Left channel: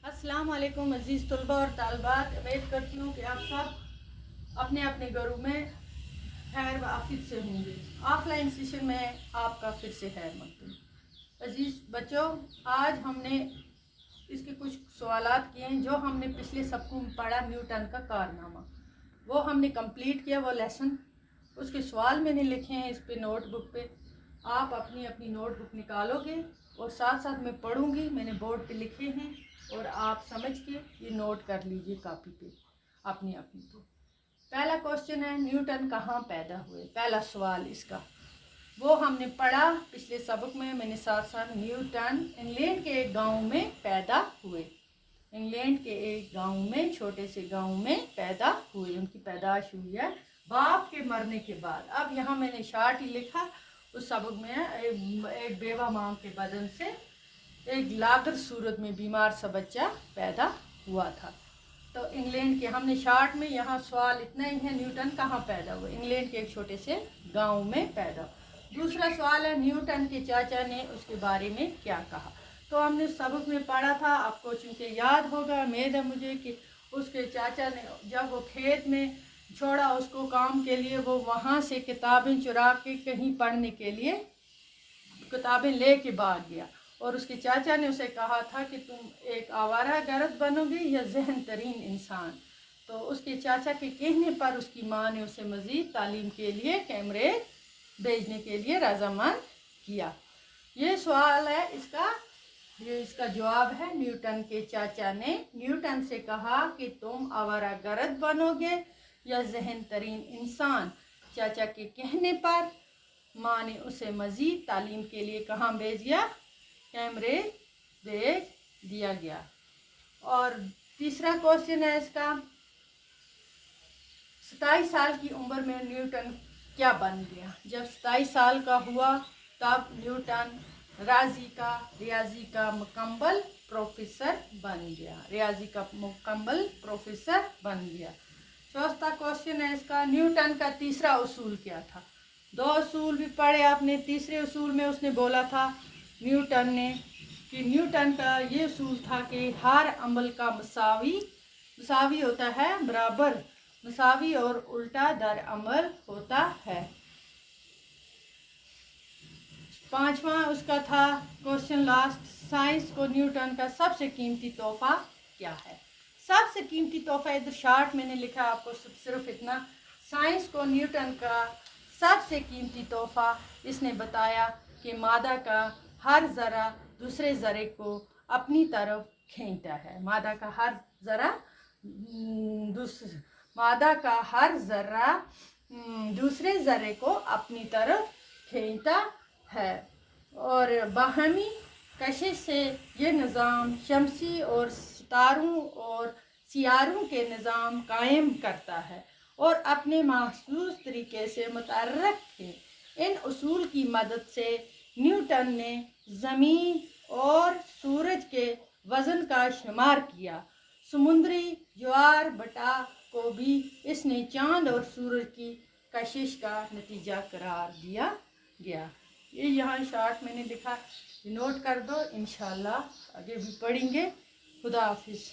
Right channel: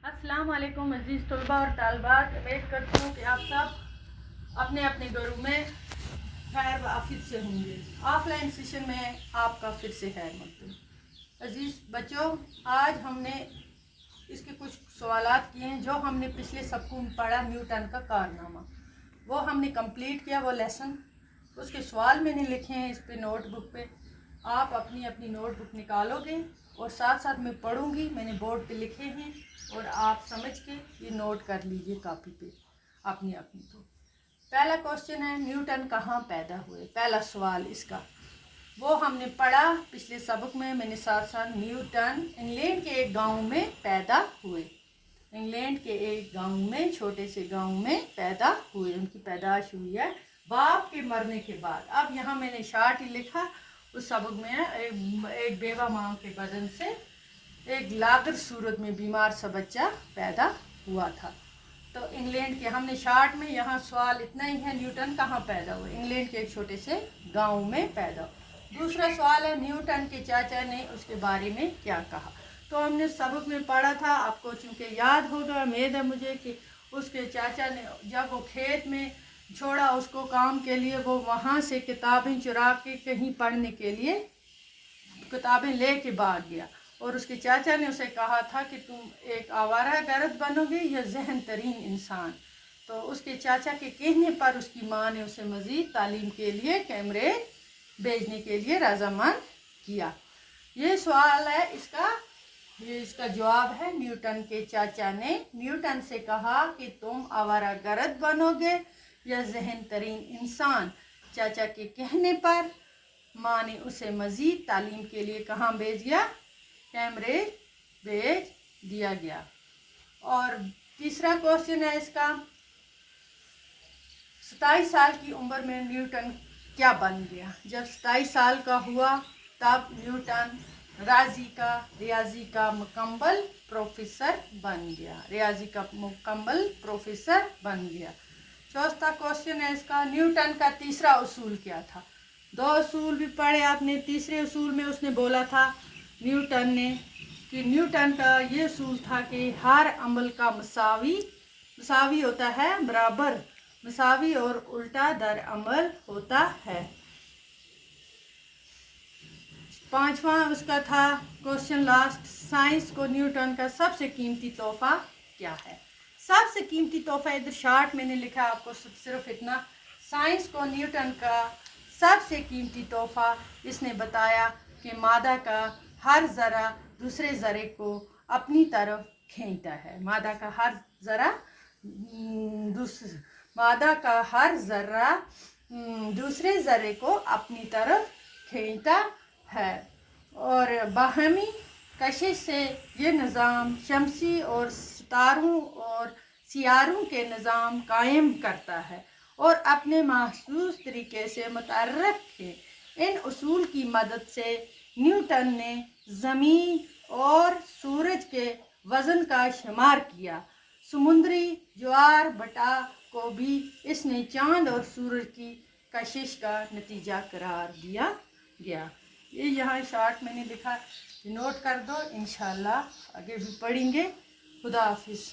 अस्सलाम वालेकुम अज़ीज़ तलबा और तालबात। उम्मीद करती हूँ कि आप सब अपने अपने घरों में खैर व आफियत से होंगे। ऑफलाइन सेशन में आपका फिर से खैर मकबूल। अज़ीज़ बच्चों, आज हमने इसके कुछ सवालात किए हैं जो हमने पिछले सबको में पढ़ा। न्यूटन का कारनामा वो हमने कंप्लीट किया, वो लेसन। उसके सवाल मैंने लिखे हैं इस पे नोटबुक पे। आप अपनी अपनी नोटबुक निकालोगे और साथ साथ मैं पढ़ूंगी, मैंने बोर्ड पे लिखे हैं और आप समझ के ये नोट कर लीजिए कापी पे अपनी अपनी। तो पहला क्वेश्चन है, न्यूटन कहाँ पैदा हुए? पहला सवाल इसका वो हमने पढ़ा पिछले सबक में। मैंने साथ साथ न्यूटन इंग्लैंड के एक गांव में पैदा हुए। इंग्लैंड के एक गांव में, छोटे से गांव में पैदा हुए। उनकी पैदाश हुई है बाप के मरने के बाद। अब यहाँ मैंने शार्ट ही लिखा। उस सबक में एक बेवा माँ के बदन से एक लादर सूरत में बीमार सा बच्चा पैदा हुआ था। तो इंग्लैंड के हमने शार्ट में, यहाँ सवाल इतना ही है, न्यूटन कहाँ पैदा हुए? इंग्लैंड के एक छोटे से गांव में पैदा। दूसरा सवाल है, न्यूटन के चाचा ने उसके बारे में क्या कहा? तो हमने सबक में पढ़ा था, आपको चूँकि याद होगा, उम्मीद है मुझे, कि उसके चाचा ने जब वो खेत में छोड़ा उसको काम के लिए, वो वहाँ से किताबें चुरा के कहीं पढ़ने के लिए किताबें ले के भाग गया और उसके चाचा ने उसे कहा था कि तुम एक आवारा गर्द बनोगे या जहन तरीन इंसान। तो उसके चाचा के कहने पर उसकी माँ ने उसे मज़ीद तालीम के लिए कैमरेज भेजने के लिए रजामंद किया। ये सवाल है ये इसका जवाब है, न्यूटन के चाचा ने न्यूटन से कहा कि तुम आवारा गर्द बनोगे या जहन तरीन इंसान। चाचा के कहने पर माँ ने उसे मज़ीद तालीम के लिए कहाँ भेज दिया? कैमरेज भेज दिया गया। और तीसरा क्वेश्चन है इसका, 27 साल की उम्र में न्यूटन क्या बन गया? जब 27 साल का हुआ तब न्यूटन रियाजी का मुकम्मल प्रोफेसर बन गया। रियाजी का मुकम्मल प्रोफेसर बन गया। चौथा क्वेश्चन है इसका, न्यूटन का तीसरा उसूल क्या था? 2 उसूल भी पढ़े आपने। तीसरे उसूल में उसने बोला था न्यूटन का ये उसूल था कि हर अमल का मसावी होता है, बराबर मसावी और उल्टा दर अमल होता है। 5वां उसका था क्वेश्चन लास्ट, साइंस को न्यूटन का सबसे कीमती तोहफा क्या है? सबसे कीमती तोहफा इधर शार्ट मैंने लिखा आपको सिर्फ इतना। साइंस को न्यूटन का सबसे कीमती तोहफा इसने बताया कि मादा का हर ज़रा दूसरे ज़रे को अपनी तरफ खींचता है। मादा का हर ज़रा दूसरे ज़रे को अपनी तरफ खींचता है और बाहमी कशिश से ये निज़ाम शमसी और सितारों और सियारों के निज़ाम कायम करता है और अपने महसूस तरीके से मुतर्रफ है। इन उसूल की मदद से न्यूटन ने ज़मीन और सूरज के वज़न का शुमार किया। समुद्री ज्वार बटा को भी इसने चांद और सूरज की कशिश का नतीजा करार दिया गया। ये यहाँ शार्ट मैंने लिखा, नोट कर दो, इंशाल्लाह आगे भी पढ़ेंगे। खुदा हाफिज़।